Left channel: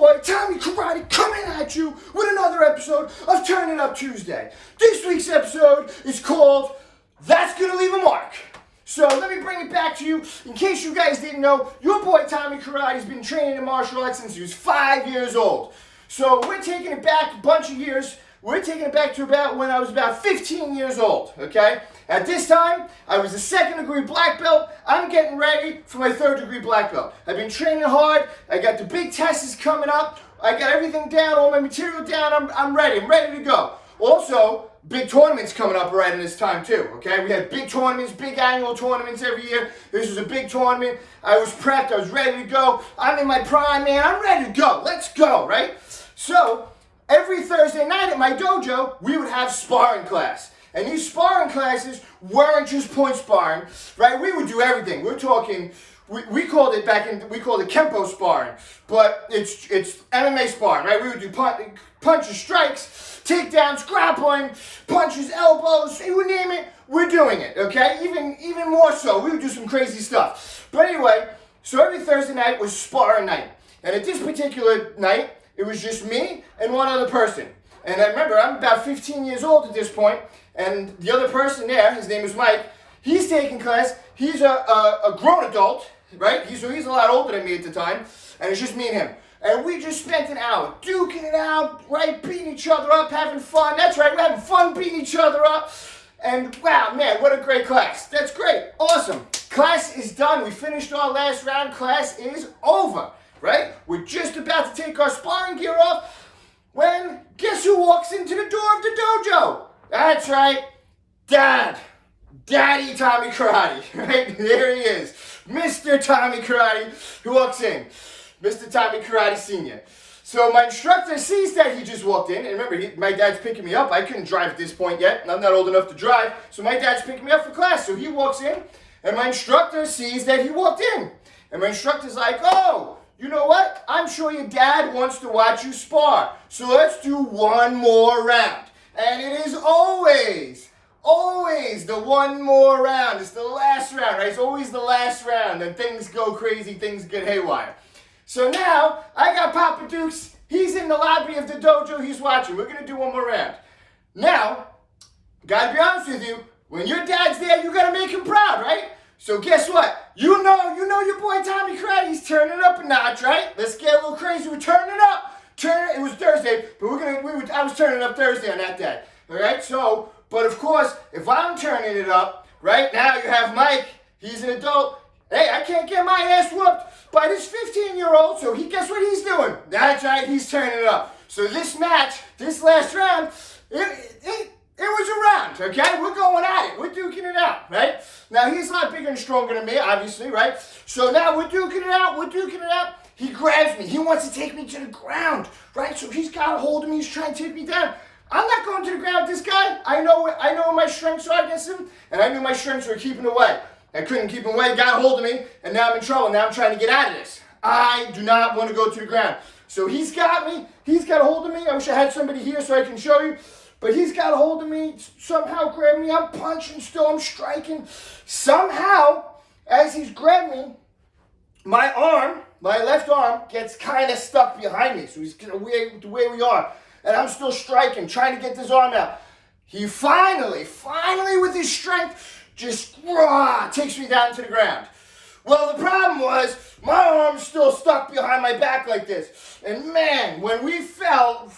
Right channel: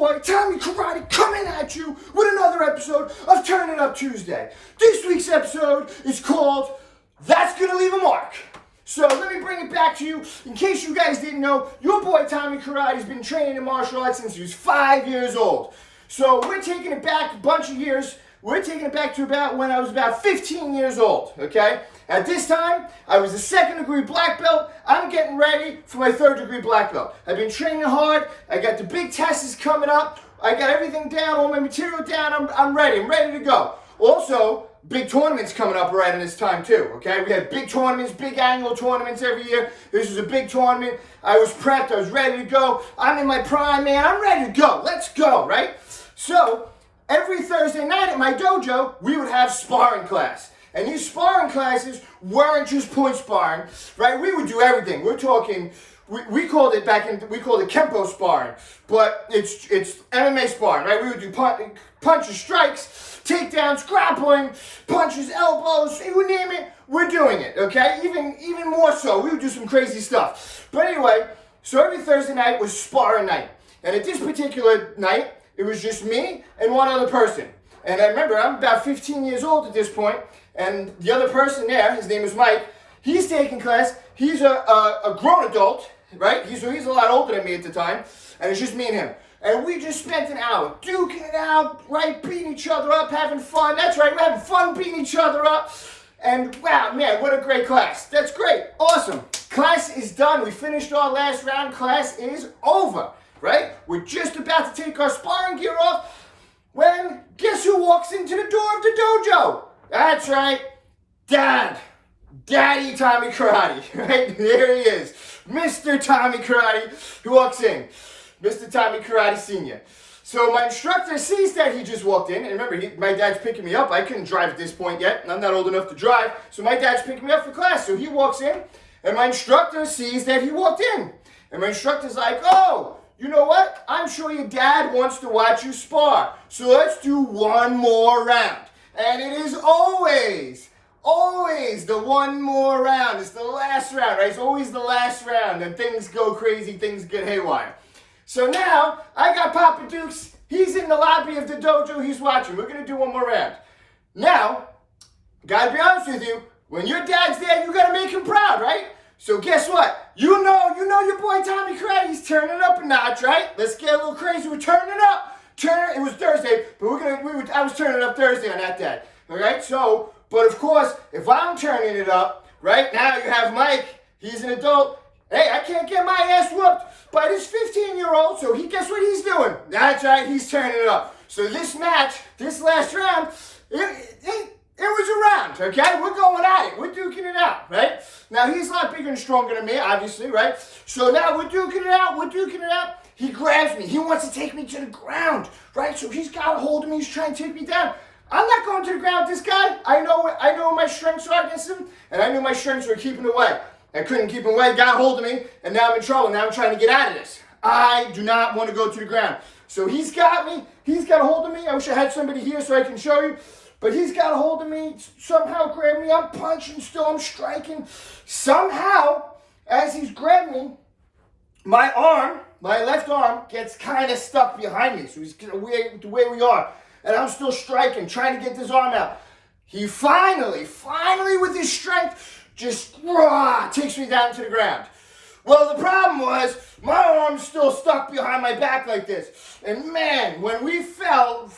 boy, Tommy Karate, coming at you with another episode of Turn It Up Tuesday. This week's episode is called That's Gonna Leave a Mark. So let me bring it back to you. In case you guys didn't know, your boy Tommy Karate has been training in martial arts since he was 5 years old. So we're taking it back a bunch of years. We're taking it back to about when I was about 15 years old, okay? At this time, I was a second-degree black belt. I'm getting ready for my third-degree black belt. I've been training hard. I got the big tests coming up. I got everything down, all my material down. I'm ready. I'm ready to go. Also, big tournaments coming up right in this time too, okay? We had big tournaments, big annual tournaments every year. This was a big tournament. I was prepped. I was ready to go. I'm in my prime, man. I'm ready to go. Let's go, right? So, every Thursday night at my dojo, we would have sparring class. And these sparring classes weren't just point sparring, right? We would do everything. We're talking, we called it Kempo sparring, but it's MMA sparring, right? We would do punches, strikes, takedowns, grappling, punches, elbows, you name it, we're doing it, okay? Even more so, we would do some crazy stuff. But anyway, so every Thursday night was sparring night. And at this particular night, it was just me and one other person. And I remember, I'm about 15 years old at this point, and the other person there, his name is Mike, he's taking class. He's a grown adult, right? He's a lot older than me at the time, and it's just me and him. And we just spent an hour duking it out, right? Beating each other up, having fun. That's right, we're having fun beating each other up. And wow, man, what a great class. That's great, awesome. Class is done. We finished our last round. Class is over, right? We're just about to take our sparring gear off when guess who walks into the door of the dojo? That's right, Daddy Tommy Karate, right? There he is, Mr. Tommy Karate, who walks in, Mr. Tommy Karate Sr. So my instructor sees that he just walked in, and remember, my dad's picking me up. I couldn't drive at this point yet, and I'm not old enough to drive, so my dad's picking me up for class. So he walks in, and my instructor sees that he walked in, and my instructor's like, oh, you know what? I'm sure your dad wants to watch you spar. So let's do one more round. And it is always the one more round. It's the last round, right? It's always the last round. And things go crazy, things get haywire. So now, I got Papa Dukes. He's in the lobby of the dojo. He's watching. We're going to do one more round. Now, gotta be honest with you. When your dad's there, you gotta make him proud, right? So guess what? You know your boy Tommy Karate, he's turning it up a notch, right? Let's get a little crazy. We're turning it up. It was Thursday, but I was turning it up Thursday on that day. All right? So, but of course, if I'm turning it up, right? Now you have Mike, he's an adult. Hey, I can't get my ass whooped by this 15-year-old, so guess what he's doing? That's right, he's turning it up. So this match, this last round, it was a round, okay? We're going at it. We're duking it out, right? Now, he's a lot bigger and stronger than me, obviously, right? So now we're duking it out. He grabs me. He wants to take me to the ground, right? So he's got a hold of me. He's trying to take me down. I'm not going to the ground with this guy. I know my strengths are against him, and I knew my strengths were keeping away. I couldn't keep him away, got a hold of me, and now I'm in trouble. Now I'm trying to get out of this. I do not want to go to the ground. So he's got me. He's got a hold of me. I wish I had somebody here so I can show you. But he's got a hold of me, somehow grabbed me. I'm punching still, I'm striking. Somehow, as he's grabbing me, my left arm gets kind of stuck behind me. So he's the way we are. And I'm still striking, trying to get this arm out. He finally with his strength, just takes me down to the ground. Well, the problem was, my arm's still stuck behind my back like this. And man, when we he fell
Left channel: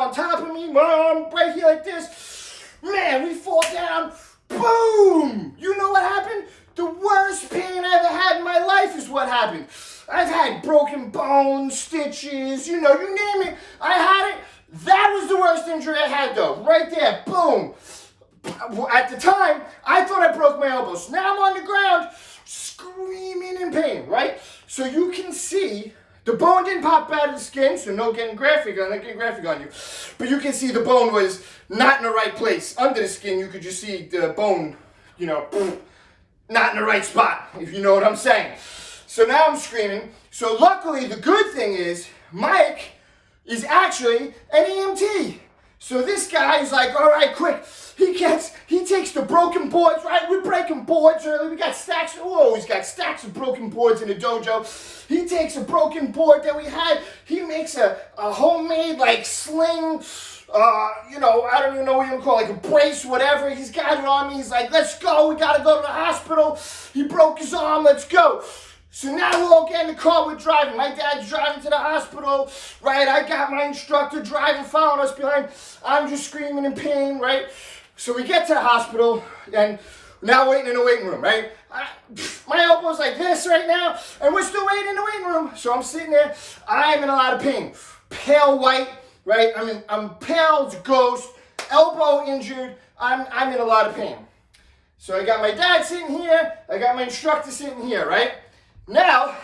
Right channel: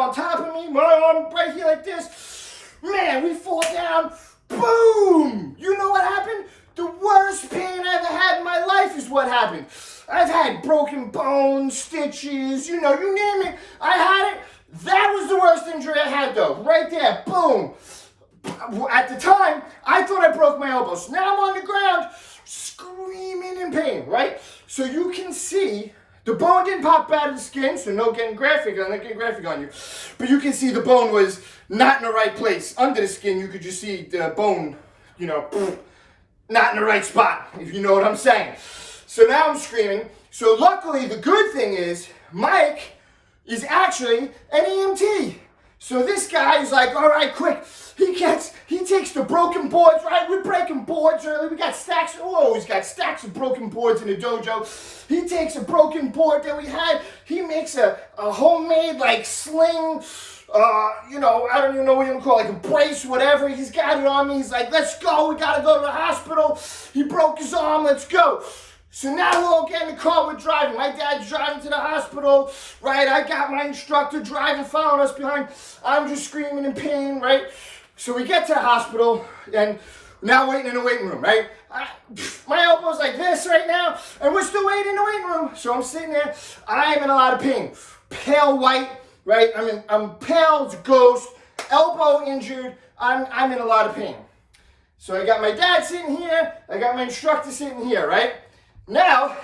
on top of me, my arm right here like this. Man, we fall down, boom! You know what happened? The worst pain I ever had in my life is what happened. I've had broken bones, stitches, you name it. I had it. That was the worst injury I had though, right there, boom. At the time, I thought I broke my elbow. So now I'm on the ground, screaming in pain, right? So you can see, the bone didn't pop out of the skin, so I'm not getting graphic on you. But you can see the bone was not in the right place. Under the skin, you could just see the bone, not in the right spot, if you know what I'm saying. So now I'm screaming. So luckily, the good thing is, Mike is actually an EMT. So this guy is like, all right, quick. He takes the broken boards, right? We're breaking boards early. We got stacks. Oh, he's got stacks of broken boards in the dojo. He takes a broken board that we had. He makes a homemade like sling. I don't even know what you call it, like a brace, whatever. He's got it on me. He's like, let's go. We got to go to the hospital. He broke his arm. Let's go. So now we all get in the car, we're driving. My dad's driving to the hospital, right? I got my instructor driving, following us behind. I'm just screaming in pain, right? So we get to the hospital, and now waiting in the waiting room, right? My elbow's like this right now, and we're still waiting in the waiting room. So I'm sitting there, I'm in a lot of pain. Pale white, right? I'm pale as a ghost, elbow injured, I'm in a lot of pain. So I got my dad sitting here, I got my instructor sitting here, right? Now,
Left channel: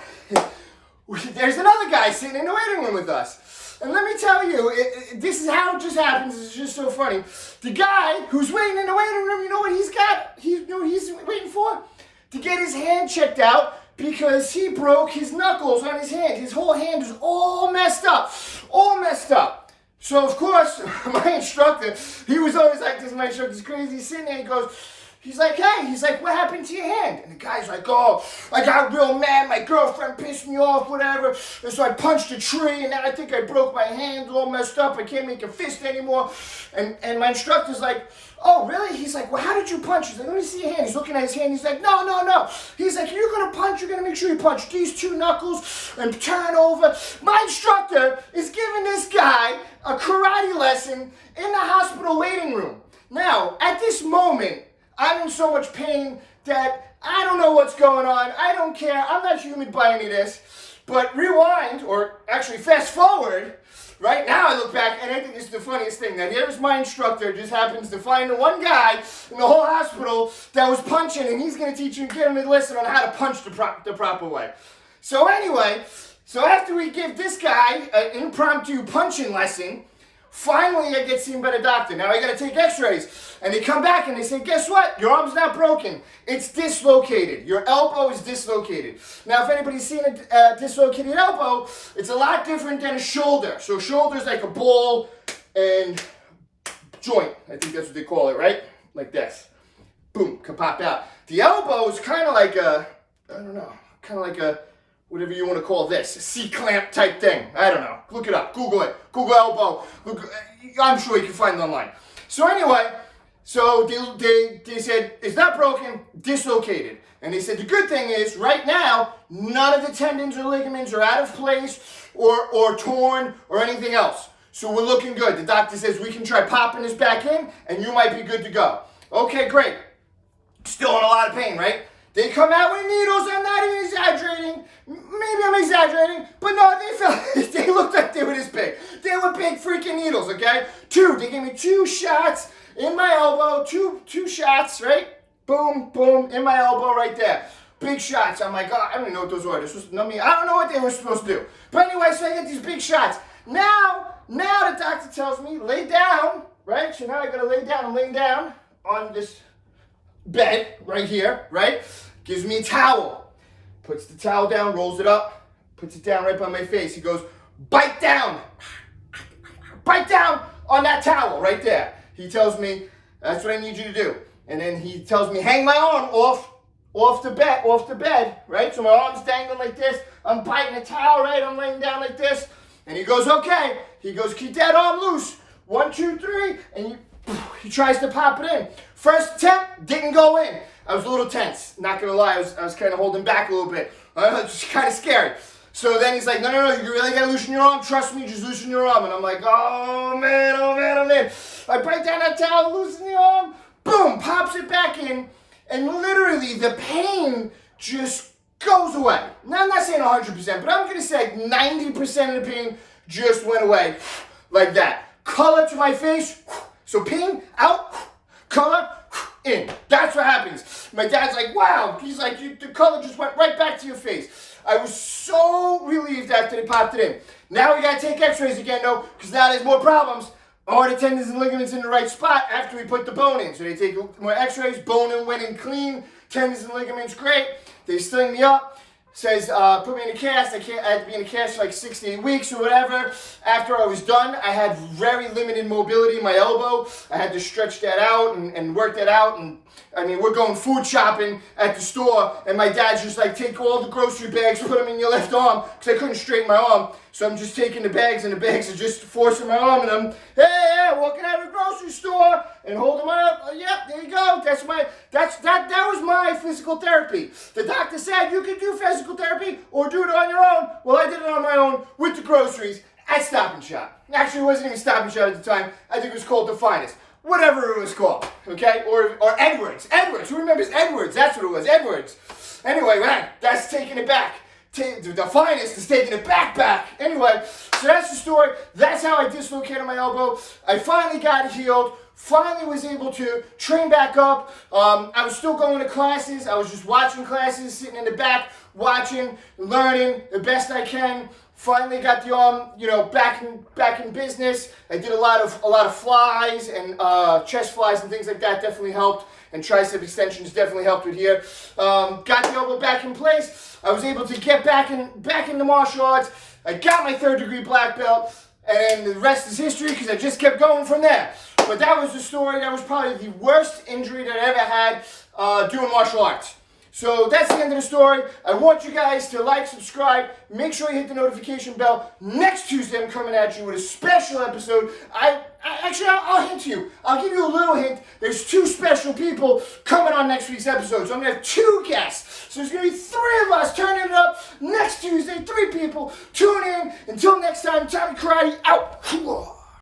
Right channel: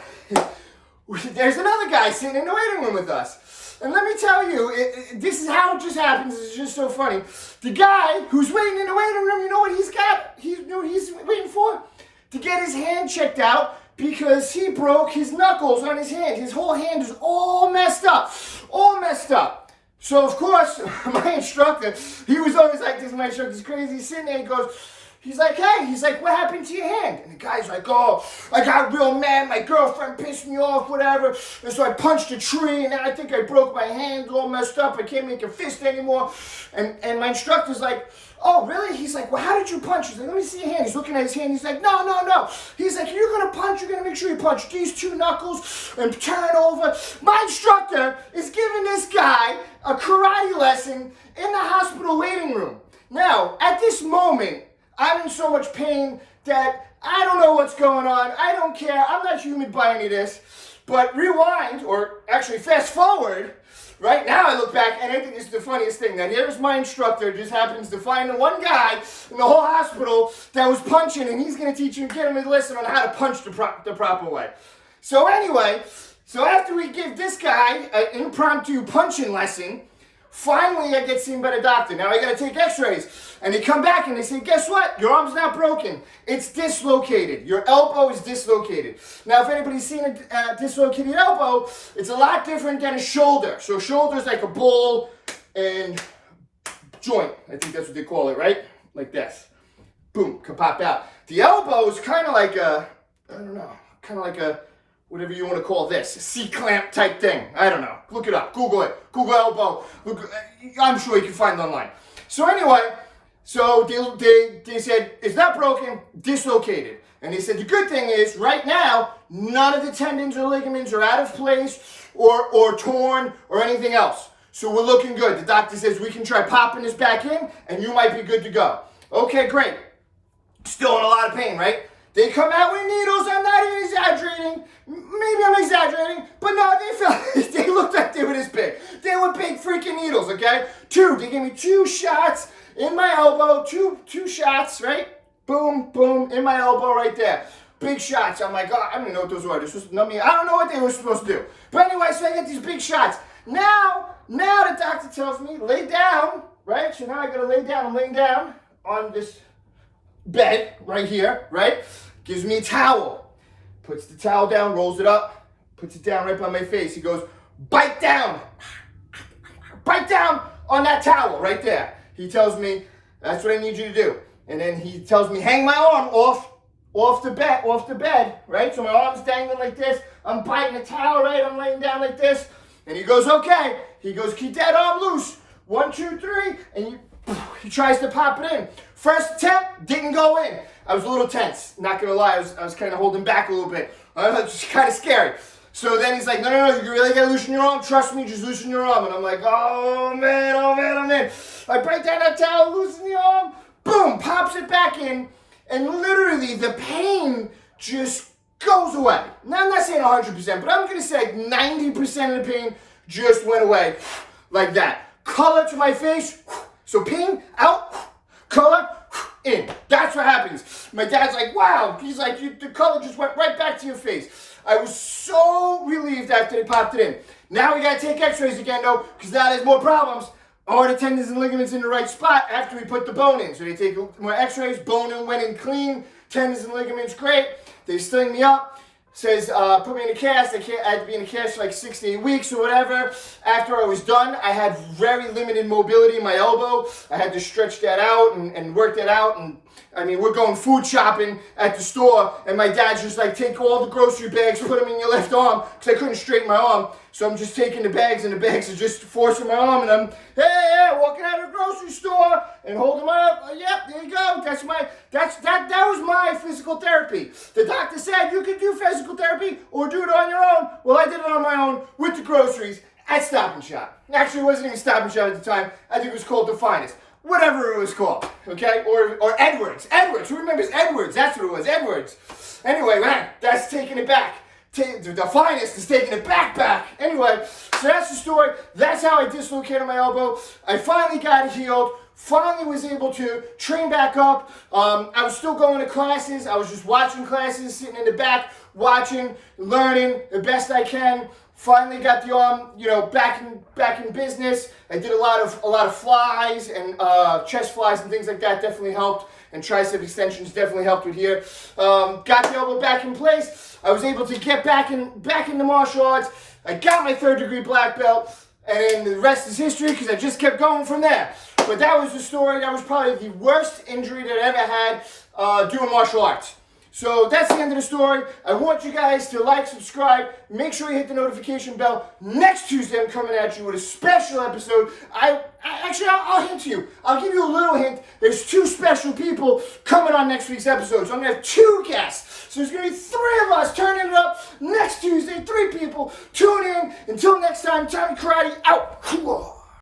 there's another guy sitting in the waiting room with us. And let me tell you, this is how it just happens. It's just so funny. The guy who's waiting in the waiting room, you know what he's got? You know what he's waiting for? To get his hand checked out because he broke his knuckles on his hand. His whole hand is all messed up. All messed up. So, of course, my instructor, he was always like, this my instructor's crazy. He's sitting there, he goes, he's like, hey, what happened to your hand? And the guy's like, oh, I got real mad. My girlfriend pissed me off, whatever. And so I punched a tree, and then I think I broke my hand, all messed up. I can't make a fist anymore. And my instructor's like, oh, really? He's like, well, how did you punch? He's like, let me see your hand. He's looking at his hand. He's like, no. He's like, you're going to punch. You're going to make sure you punch these two knuckles and turn over. My instructor is giving this guy a karate lesson in the hospital waiting room. Now, at this moment, I'm in so much pain that I don't know what's going on. I don't care. I'm not humid by any of this. But rewind, or actually fast forward, right now I look back and I think this is the funniest thing. That here's my instructor just happens to find the one guy in the whole hospital that was punching, and he's going to teach him, get him a lesson on how to punch the proper way. So anyway, after we give this guy an impromptu punching lesson, finally, I get seen by the doctor. Now I got to take x-rays. And they come back and they say, guess what? Your arm's not broken. It's dislocated. Your elbow is dislocated. Now, if anybody's seen a dislocated elbow, it's a lot different than a shoulder. So shoulder's like a ball and joint. I think that's what they call it, right? Like this. Boom, can pop out. The elbow is kind of like a, I don't know, kind of like a, whatever you want to call this, a C-clamp type thing. I don't know. Look it up. Google it. Google elbow. I'm sure you can find it online. So anyway, so they said, it's not broken, dislocated. And they said, the good thing is, right now, none of the tendons or ligaments are out of place or torn or anything else. So we're looking good. The doctor says, we can try popping this back in, and you might be good to go. Okay, great. Still in a lot of pain, right? They come out with needles. I'm not even exaggerating. Maybe I'm exaggerating, but no, they looked like they were this big. They were big freaking needles, okay? They gave me 2 shots in my elbow, two shots, right? Boom, boom, in my elbow right there. Big shots. I'm like, oh, I don't even know what those were. This was, I don't know what they were supposed to do. But anyway, so I get these big shots. Now the doctor tells me, lay down, right? So now I gotta lay down. I'm laying down on this bed right here, right? Gives me a towel. Puts the towel down, rolls it up, puts it down right by my face. He goes, bite down. Bite down on that towel right there. He tells me, that's what I need you to do. And then he tells me, hang my arm off the bed, right? So my arm's dangling like this. I'm biting the towel, right? I'm laying down like this. And he goes, okay. He goes, keep that arm loose. 1, 2, 3. And he tries to pop it in. First attempt, didn't go in. I was a little tense, not gonna lie. I was kind of holding back a little bit. It was kind of scary. So then he's like, no, you really gotta loosen your arm. Trust me, just loosen your arm. And I'm like, oh man. I break down that towel, loosen the arm, boom, pops it back in, and literally the pain just goes away. Now, I'm not saying 100%, but I'm gonna say 90% of the pain just went away like that. Color to my face, so pain out, color in. That's what happens. My dad's like, wow. He's like, the color just went right back to your face. I was so relieved after they popped it in. Now we gotta take x-rays again though, because now there's more problems. Are the tendons and ligaments in the right spot after we put the bone in? So they take more x-rays, bone in went in clean, tendons and ligaments great. They sling me up. says, put me in a cast. I had to be in a cast for like 6 to 8 weeks or whatever. After I was done, I had very limited mobility in my elbow. I had to stretch that out and work that out. And I mean, we're going food shopping at the store, and my dad's just like, take all the grocery bags, put them in your left arm, because I couldn't straighten my arm. So I'm just taking the bags, and the bags are just forcing my arm, and I'm, hey, walking out of the grocery store and holding my up. Yep, there you go. That was my physical therapy. The doctor said you could do physical therapy or do it on your own. Well, I did it on my own with the groceries at Stop and Shop. Actually, it wasn't even Stop and Shop at the time. I think it was called The Finest. Whatever it was called, okay? Or Edwards. Edwards. Who remembers Edwards? That's what it was, Edwards. Anyway, man, that's taking it back. The Finest is taking it back. Anyway, so that's the story. That's how I dislocated my elbow. I finally got healed. Finally was able to train back up. I was still going to classes. I was just watching classes, sitting in the back, watching, learning the best I can. Finally got the arm, back in business. I did a lot of flies and chest flies and things like that. Definitely helped, and tricep extensions definitely helped with here. Got the elbow back in place. I was able to get back into martial arts. I got my 3rd degree black belt, and the rest is history because I just kept going from there. But that was the story. That was probably the worst injury that I ever had doing martial arts. So that's the end of the story. I want you guys to like, subscribe, make sure you hit the notification bell. Next Tuesday, I'm coming at you with a special episode. I'll hint you. I'll give you a little hint. There's 2 special people coming on next week's episode. So I'm going to have 2 guests. So there's going to be 3 of us turning it up next Tuesday. 3 people. Tune in. Until next time, Tommy Karate out.